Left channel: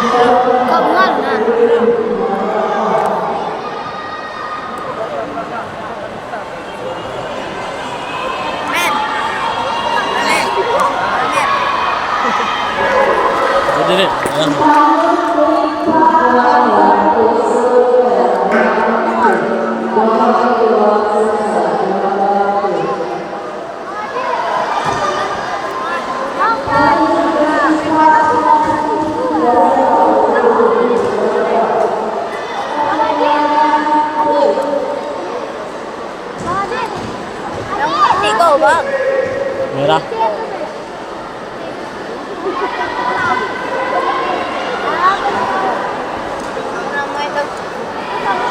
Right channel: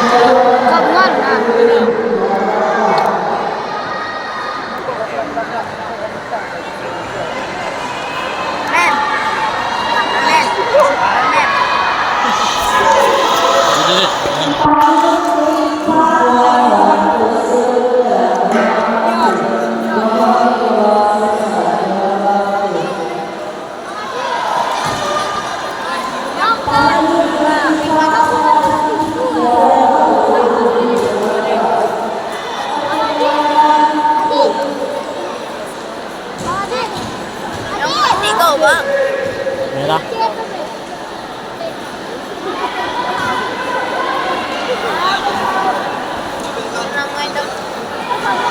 ก็เงินนะเนาะแม่นแม่นแม่นดูดินี่ก็ว่านี่ละ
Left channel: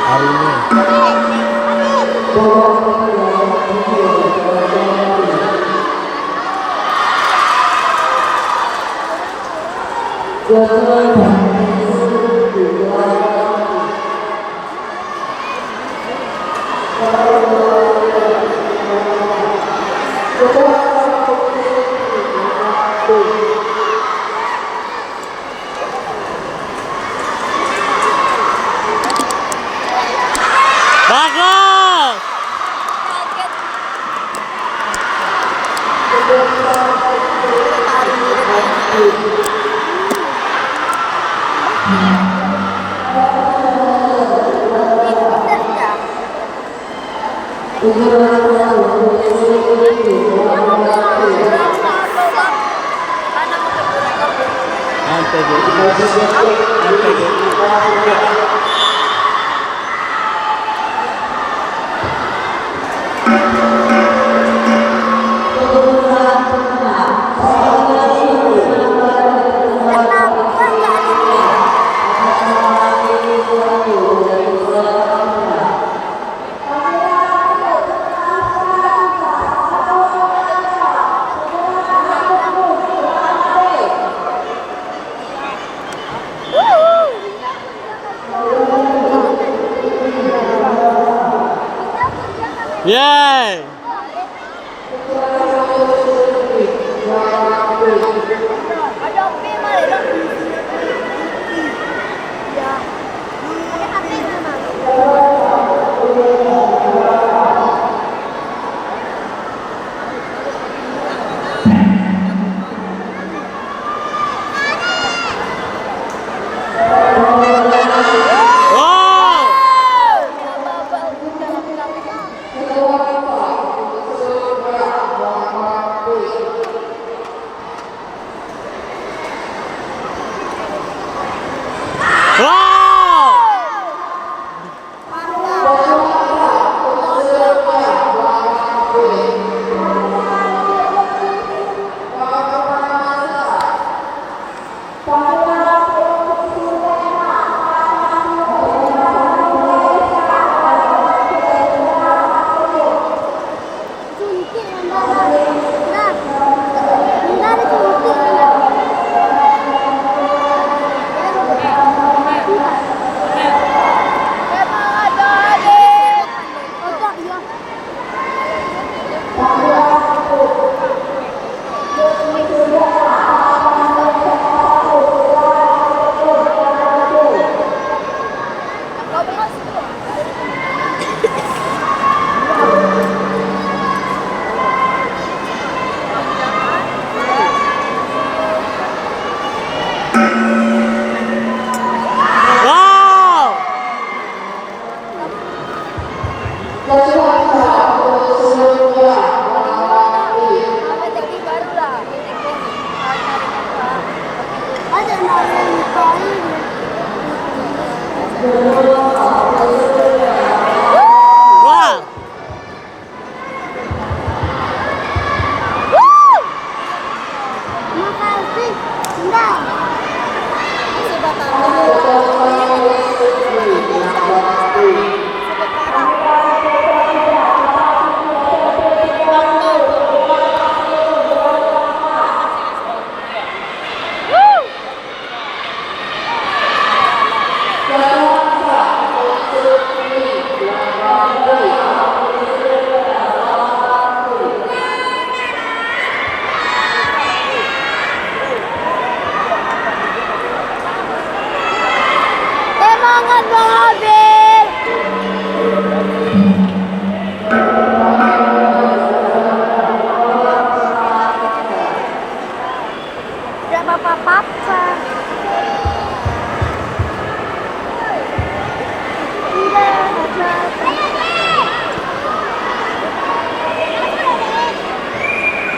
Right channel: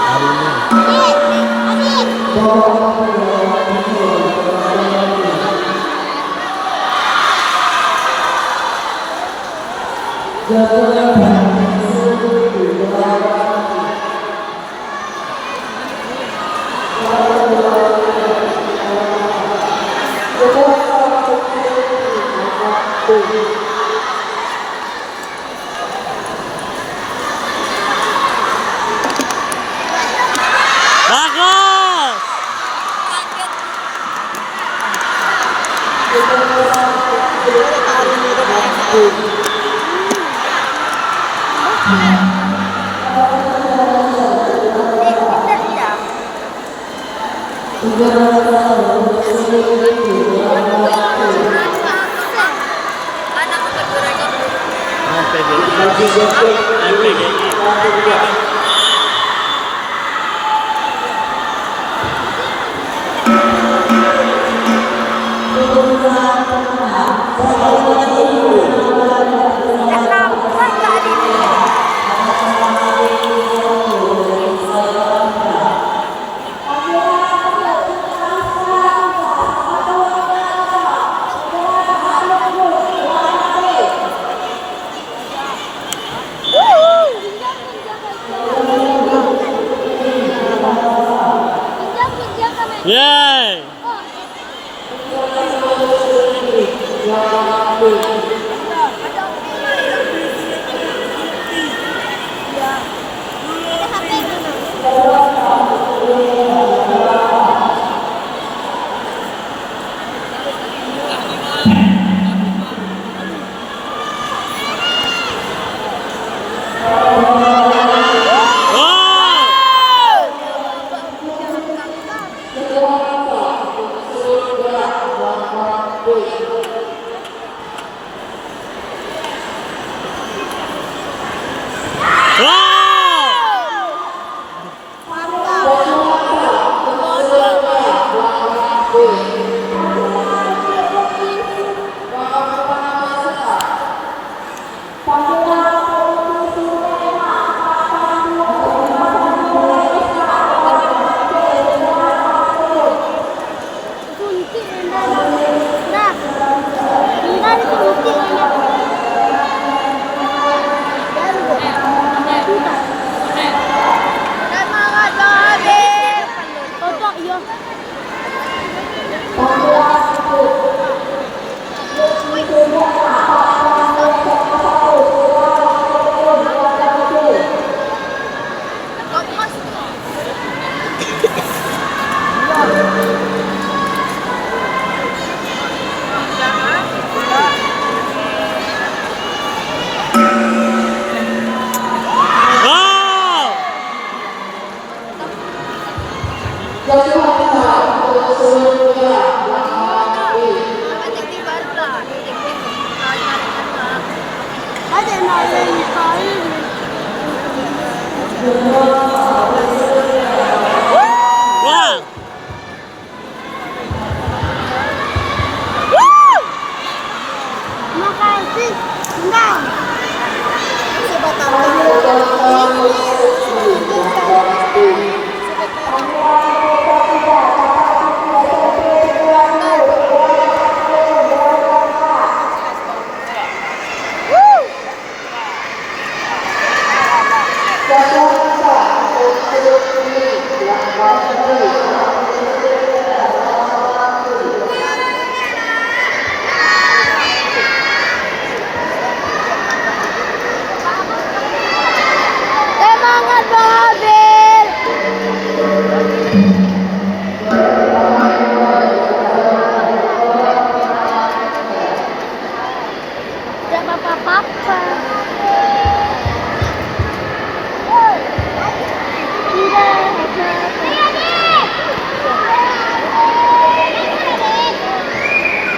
hari bagus MPGI Yeay. Wow.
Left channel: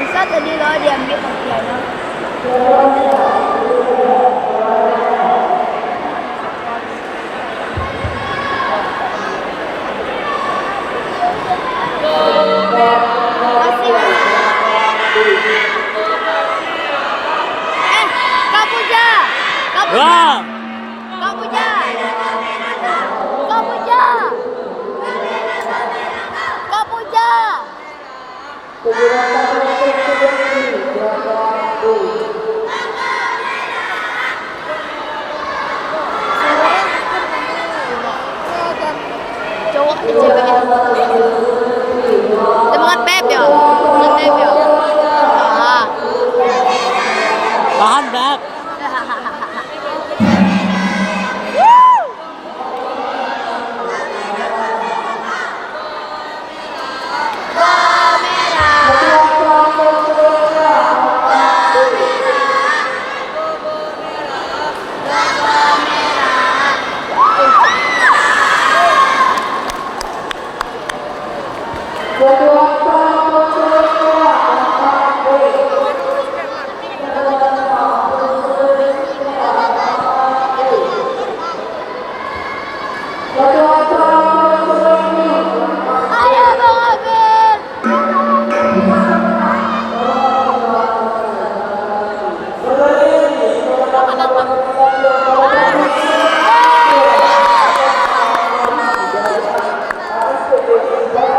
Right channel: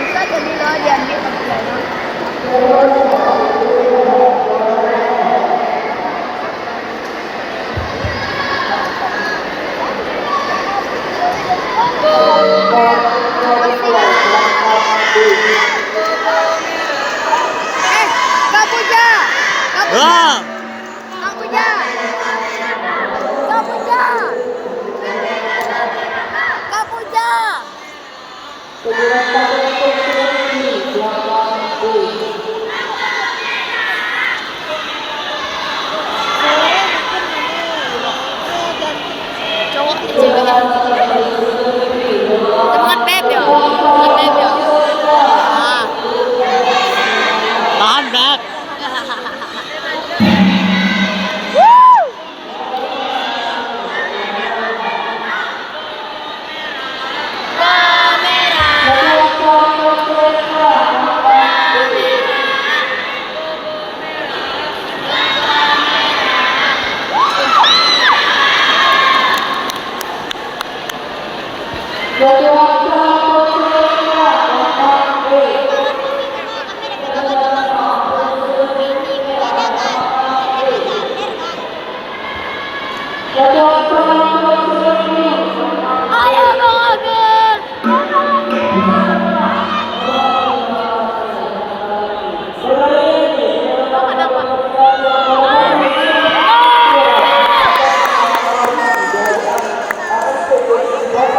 Bisa tadi lo diambil. Kak Puja. Wah! Kak Puja. Kak Puja. Kak Puja. Cowok di cewek ya. Teman beb ya. Teman beb ya. Nah. Tahan, Beb.